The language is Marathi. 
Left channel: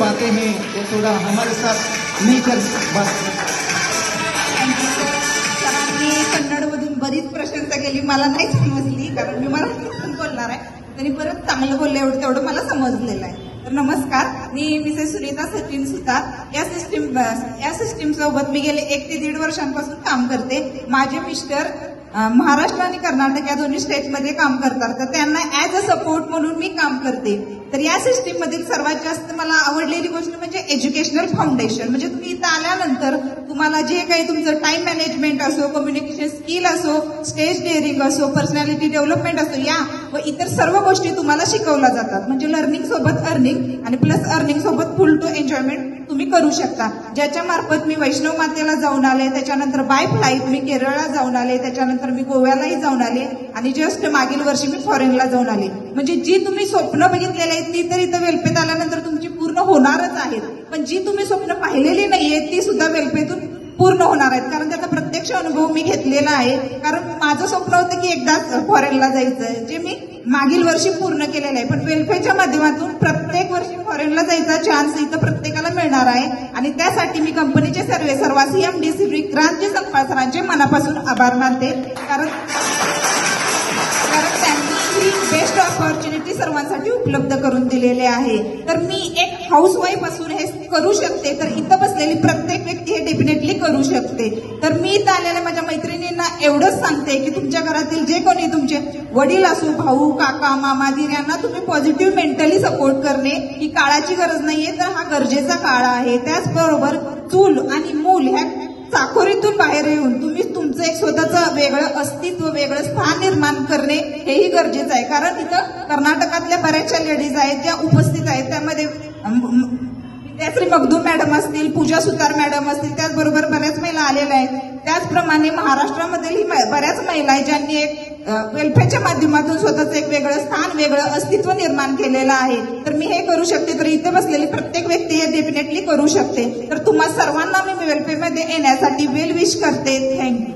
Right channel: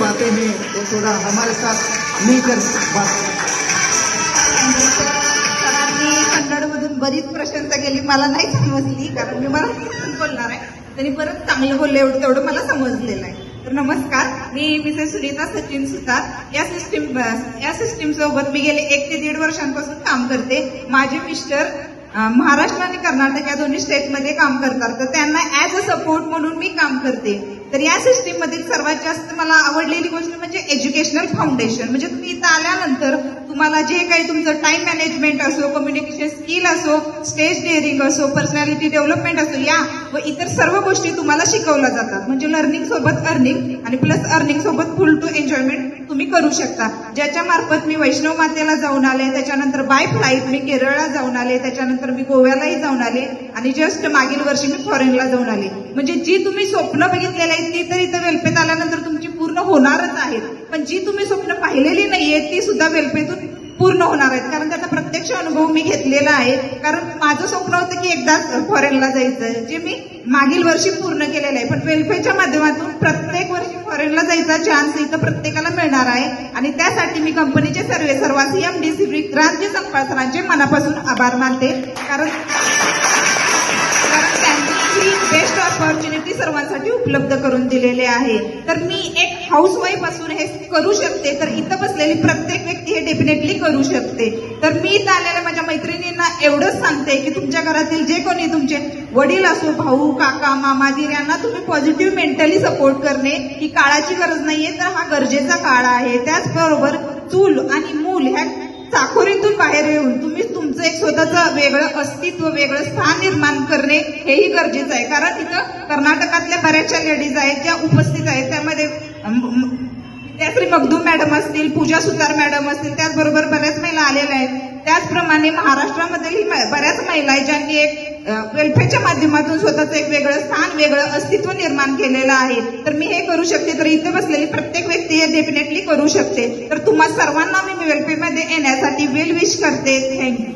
बातें हैं तो थोड़ा हमारे साथ मिलकर बात। कन्नडमधून बरीच प्रशंसा केली, मला नाही समजली कारण मी मराठीतून बोलणार आहे, तरी परत चांगलं बोलले एवढं तेवढं मला समजलेलं आहे. तर नमस्कार, मी मिसेस सुनीता सचिन सुतार. या सिस्टीम सोबत मी गेले 1 ते 1.5 वर्षांपासून काम करते. माझे मिस्टर महाराष्ट्र आणि कर्नाटक या दोन्ही स्टेटमध्ये काम करतात, तर त्यांना ऍज अ सपोर्ट म्हणून मी काम करते. तर या सिस्टीम मध्ये सर्वात जास्त मला आवडलेली गोष्ट म्हणजे एज्युकेशनल फाउंडेशन. म्हणजे तुम्ही इथं आल्यानंतर तुम्हाला जे काही तुमचं टाइम मॅनेजमेंट असो, कम्युनिकेशन स्किल असो, स्टेज डेअरिंग असो, पर्सनॅलिटी डेव्हलपमेंट असो, या व इतर सर्व गोष्टी तुम्हाला शिकवल्या जातात. म्हणजे लर्निंग सोबत अर्निंग आणि प्लस अर्निंग सोबत फुल टू एन्जॉयमेंट तुम्ही करू शकता. ज्याच्या मार्फत मी वैष्णव मातेला जाऊन आले, त्याच्यानंतर बाय फ्लाईट मी केरळला जाऊन आले, त्याच्यानंतर मी गोव्यालाही जाऊन आले आणि जस्ट मागील वर्षी मी फॉरेनला जाऊन आले. म्हणजे जी तुम्ही स्वप्न बघितलेली आहेत ती तर इथं वेल्पेत आल्यानंतर तुमची पूर्ण होणारच आहेत, पण जी तुम्ही स्वप्न पाहिलेली नाहीये ती सुद्धा वेल्पेतून पूर्ण होणार आहेत. कारण त्याचा प्रत्यक्ष अनुभव मी घेतलेला आहे. कारण माझं स्वप्न होतं की एकदाच फॉरेनला जायचं, जे मी मागील वर्षी पूर्ण केलेलं आहे. पण वेल्फेच्या माध्यमातून प्रत्येक वर्षी फॉरेनला जायचा चान्स इथं प्रत्येकाला मिळणार आहे. आणि त्यासाठी मी कंपनीचे सर्वांचे एमडी विक्रांतजी संपासरांचे मनापासून आभार मानते. कारण त्यांनी बेस्ट ऑपॉर्च्युनिटी सर्वांसाठी उपलब्ध करून दिलेले आहे. तर मी एक हाऊसवाईफ असून हे करू शकते, तर इथं बसलेली प्रत्येक व्यक्ती हे डेफिनेटली करू शकते. तर मी इथं आलेल्या माझ्या मैत्रिणींना एवढंच सांगते की तुमच्या घरातील जे कोणी तुमचे वडील असो, भाऊ, काका, मामा, दीर यांना तुम्ही पॉझिटिव्ह मेंटली सपोर्ट करणे ही काळाची गरज नाहीये, तर हा गरजेचा काळ आहे. त्याचबरोबर चूल आणि मूल ह्या चाकोरीतून बाहेर येऊन तुम्ही तुमचं एक स्वतःचं वेगळं अस्तित्व, वेगळं स्थान निर्माण करणे हेही गरजेचं आहे. कारण तिथं कर्नाटकातल्या बऱ्याचशा लेडीज आहेत ज्या उपस्थित आहेत, त्यामध्ये श्री मगदूम मॅडम असतील, पूजा सुतार मॅडम असतील, त्याचबरोबर बऱ्याच महिला आलेल्या आहेत. त्याचप्रमाणे महाराष्ट्रामधील बऱ्याच महिला आहेत ज्यांनी एक वेल्फेअरच्या माध्यमातून स्वतःचं एक वेगळं स्थान, वेगळं अस्तित्व निर्माण केलेलं आहे. तर मी हे करू शकते, तर इथे बसलेली प्रत्येक व्यक्ती हे डेफिनेटली करू शकते. तर तुम्हा सर्वांना मी वेल्फेअरमध्ये येण्यासाठी वेल विश करते. थँक्यू.